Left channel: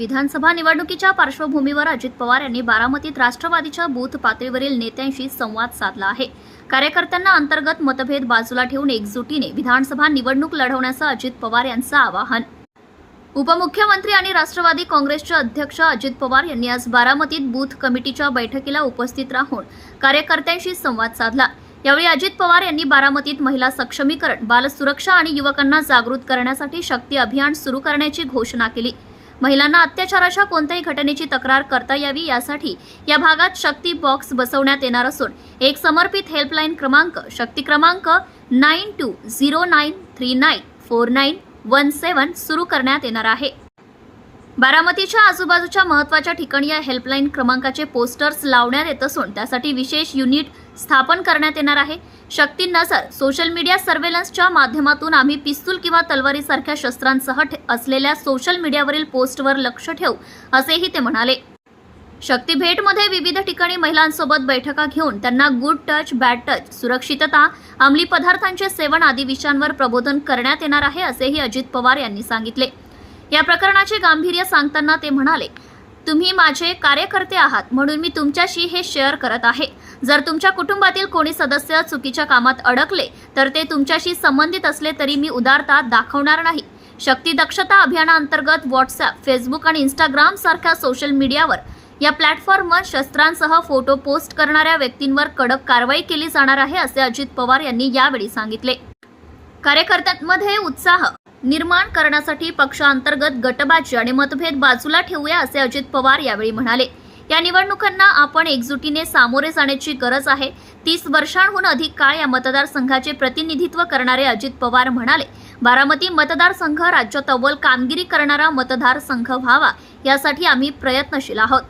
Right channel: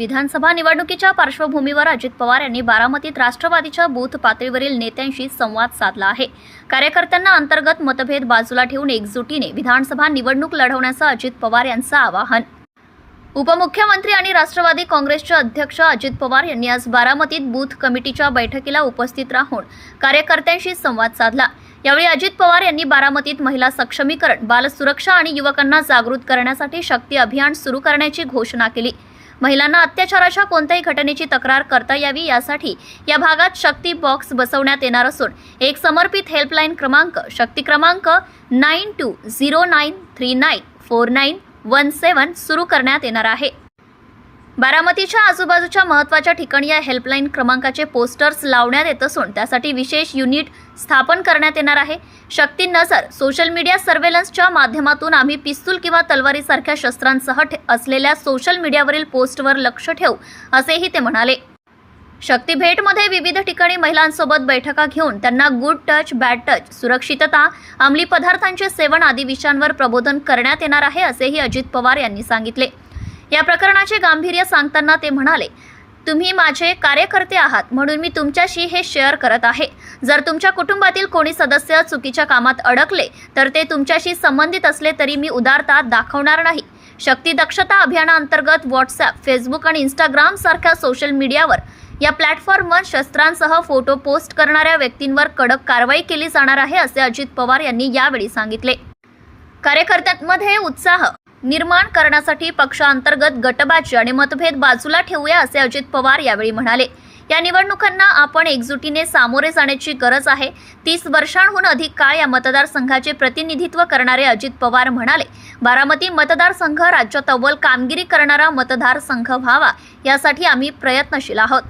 विधानसभा निवडणुकीच्या पार्श्वभूमीवर अजित पवार यांनी बारामतीत राष्ट्रवादीच्या बूथ पातळीवरील नेत्यांशी संवाद साधला आहे. कार्यकर्त्यांना अंतर्गत मतभेद बाजूला ठेवून एकजुटीने विधानसभा निवडणूक लढवण्याचं अजित पवार यांचं आवाहन. उपमुख्यमंत्री आणि राष्ट्रवादी काँग्रेसचे अध्यक्ष अजित पवार यांनी आज बारामतीत बूथ कमिटीच्या बैठकीला उपस्थित राहून कार्यकर्त्यांशी संवाद साधला. यावेळी अजित पवार यांनी बारामतीत महिला सक्षमीकरण बालसुरक्षा आणि युवकांना जागृत करण्यासाठी शक्ती अभियान सुरू करण्याची घोषणा केली. महिलांना अत्याचाराच्या कोणत्याही घटनेची तक्रार करता यावी यासाठी या भागात शक्ती बॉक्स बसवण्यात येणार असून एक समर्पित हेल्पलाईन क्रमांक शक्ती क्रमांक nine two zero nine three nine four nine one seven सुरू करण्यात येणार आहे. बारामतीच्या आजूबाजूच्या महत्त्वाच्या ठिकाणी या हेल्पलाईन क्रमांकाचे पोस्टर्स लावण्यात येत असून त्यासाठी विशेष युनिट स्थापन करण्यात येणार आहे. शक्ती नजर. सोशल मीडिया सर्वेलन्सच्या माध्यमातून आम्ही पिस्तूल किंवा तलवारीसारख्या शस्त्रांसह ठे- असलेल्या सोशल मीडियावरील पोस्टवर लक्ष ठेवू असेही ते म्हणाले. शक्ती भेटमध्ये विविध ठिकाणी महिलांसोबत बैठका घेऊन त्यांना गुड टच बॅड टच सुरक्षितता अंमली पदार्थांचे सेवन आदी विषयांवर प्रबोधन करण्यात येणार आहे असेही अजित पवार यांनी सांगितले. या प्रकरणाचे गांभीर्य सांगताना ते म्हणाले तुम्ही माझे कार्यकर्ते आहात म्हणून मी तुमच्याशी हे शेअर करत आहे. जर तुमच्या कुटुंबातील कोणी सदस्य चुकीच्या कामात अडकले तर ते तुमच्याशी संबंधित असले तरी मी उदारता दाखवणार नाही. शक्ती दक्षता अभियानाअंतर्गत व्हॉट्सअप फेसबुक आणि इंस्टाग्राम सारख्या सोशल मीडियावर या प्लॅटफॉर्मवर शस्त्रांसह फोटो पोस्ट करणाऱ्या व्यक्तींवर कडक कारवाई केली जाणार आहे असे अजित पवार यांनी यावेळी सांगितले. कार्यकर्त्यांमध्ये उत्साह निर्माण करण्यासाठी पक्षांतर्गत गटबाजी आणि मतभेद बाजूला ठेवूया असे अजित पवार यावेळी म्हणाले. या निवडणुकांना आपण एकजुटीने सामोरे जाण्याची गरज आहे. तीस वर्षांहून अधिक काळ या मतदारसंघाचे प्रतिनिधित्व करणारे अजित पवार म्हणाले बारामती मतदारसंघ राज्यात अव्वल कामगिरी करणारा मतदारसंघ व्हावा यासाठी आम्ही प्रयत्नशील आहोत.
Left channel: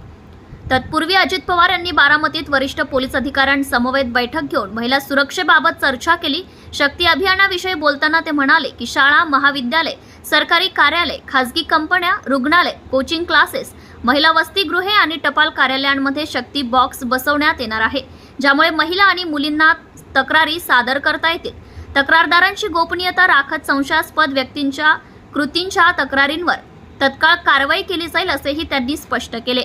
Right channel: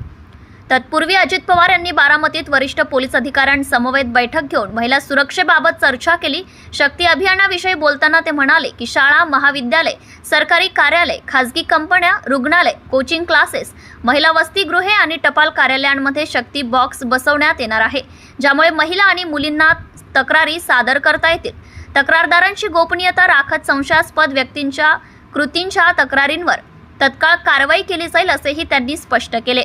तत्पूर्वी अजित पवार यांनी बारामतीत वरिष्ठ पोलीस अधिकाऱ्यांसमवेत बैठक घेऊन महिला सुरक्षेबाबत चर्चा केली. शक्ती अभियानाविषयी बोलताना ते म्हणाले की शाळा महाविद्यालय सरकारी कार्यालय खासगी कंपन्या रुग्णालय कोचिंग क्लासेस महिला वसतिगृहे आणि टपाल कार्यालयांमध्ये शक्ती बॉक्स बसवण्यात येणार आहे. ज्यामुळे महिला आणि मुलींना तक्रारी सादर करता येतील. तक्रारदारांची गोपनीयता राखत संशयास्पद व्यक्तींच्या कृतींच्या तक्रारींवर तत्काळ कारवाई केली जाईल असेही त्यांनी स्पष्ट केले.